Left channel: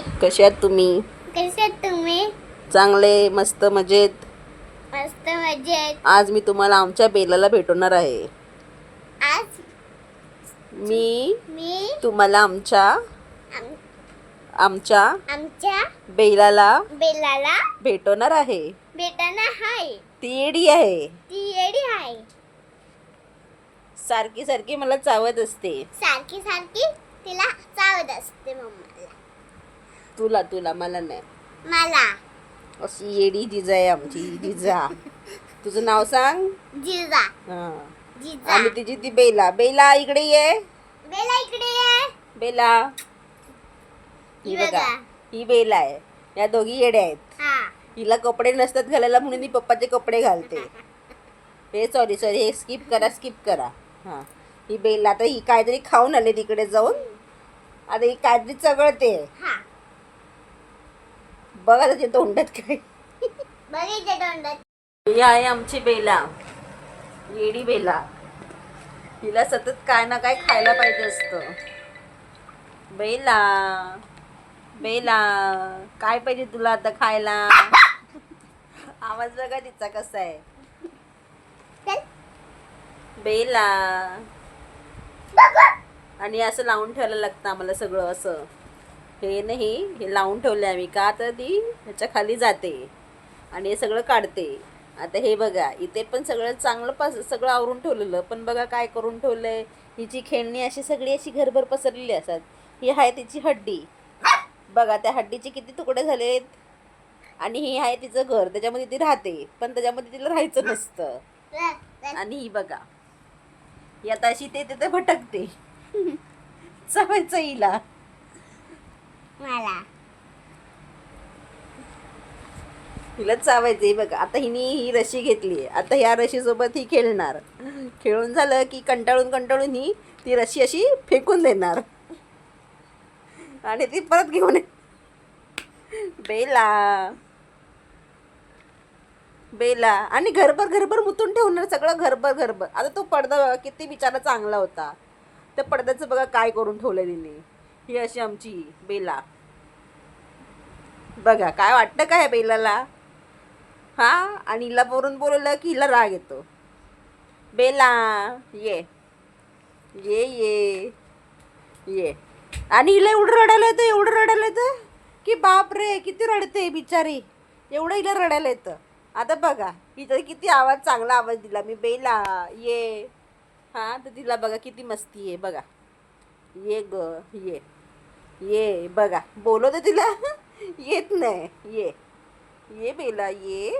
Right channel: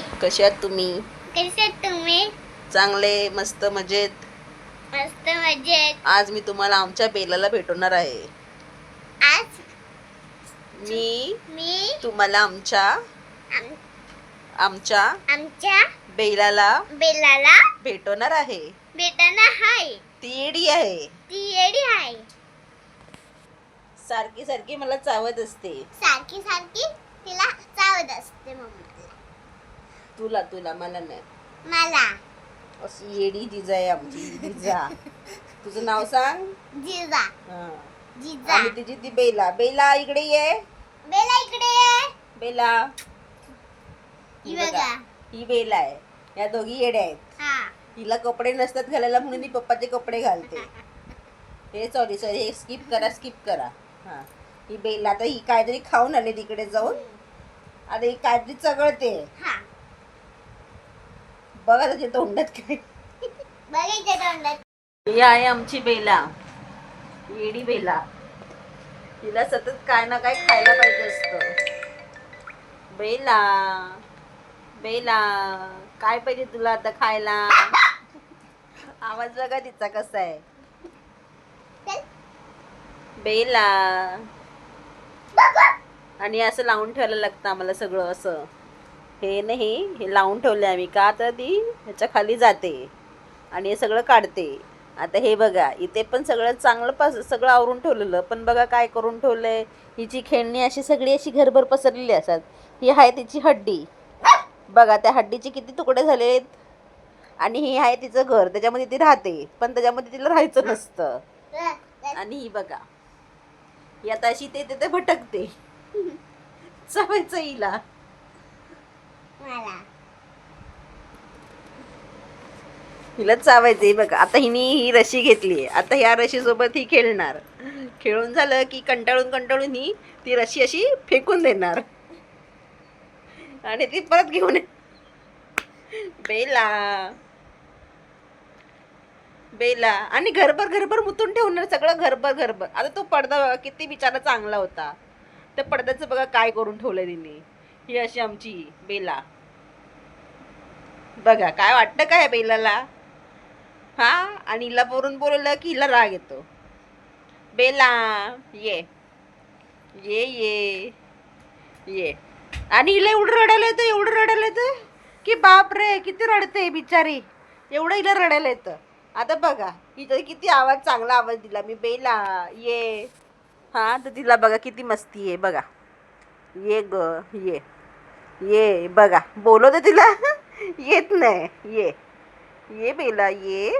कसे आहात तुम्ही? कसे आहात तुम्ही? चांगले, मस्त, मजेत. मस्त मजेत. आज मी तुम्हाला आमच्या बेलाला भेटवणार आहे. आज मी मी तुम्हाला आमच्या आम- आमच्या आमच्या बेलाला बेलाला भेटवणार आहे. भेटणार हाय. ती येडी आहे. ती येडी हाय. सारखी सारखी मला चावत असते. सारखी सारखी तिला चावत असते मम्मीला. तुला तुला मला नाही. मला अशी येडी जिजा आहे आमची जिजा. तुझं नाव सांग. जिजा. हा. जिजा. आणि तिची ती बेला. बेला इकडे ये. बेला इकडे ये. बेला. ही ही बघा, बघा. ही बेला आहे. या दोघी येड्या आहेत. हा. हिला कपडे नसतात घालायला म्हणून मी पप्पाचे कपडे घालते. हे सॉरी हे स्किप करा. हा. ही बेला आता ही काहीतरी खाऊन आले तिकडे जाऊन. आता ही काहीतरी चगळते. हा. बघा त्याच्या तोंडात काय. बघितलं तोंडात. ही आहे आमची बेला. येडी बेला. हिला सतत काय ना काय खायला पाहिजे असतं. बेला बेला काय पाहिजे तुला आता खायला? आवाज बघा तिचा कसा आहे. बेला. आणि असं लावून ठेवायला लागतं आम्हाला सगळं असं. हे नाही, हे लावून ठेवलं आम्ही का तर ती ह्याच्या खाली जाते आणि हे सगळं काढते. आता हे बघा इथे पण सगळं चांगलं सगळं आवरून ठेवलेलं, पण बघा काय करून ठेवलंय. हिची खेळणी अशी सगळी अशी घरभर पसरलेली असतात. ही आहे तिची हड्डी. बघा त्या हड्डीचे किती तुकडे झालेत. आणि ही आहे तिचं घर, त्याच्यामध्ये ती राहते, पण त्याच्यामध्ये तिला राहायचं नसतं. आणि ही बघा ही आता अशी ते भटकते. चावायचं हिला. मला हिला चावायचंय बघा. आता हिने ही रशी घेतली. आता ह्या रशी सोबत ही खेळणार. खेळून झालं की कंटाळून ही ती रशी अशी फेकून देणार आणि ती परत घेऊन बेला बेला आणि घरभर मुतून ठेवणार सगळं घरभर. आता तो पडदा बघा किती बिचारा चांगला होता. त्या पडद्याचं बघा काय करून ठेवलं तिने. ही अशी आमची बेला. बघा काय वाटतं काय बेलाला. हा. आणि हिला बोलवलं की हिला राग येतो. बेला ये ये ये ये. आणि हिला एवढं रडायला येतं की बाप रे किती रडते बिचारी. एवढं हिला रडायला येतं. आता बघा हिचा किती आवाज, चांगला आवाज दिला मी. बेला ये. हा तर तिला बघा किती मस्ती आहे बघा. ये ग ये ये. बघा बोलवते तिला येत नाही. ये ये बेला ये.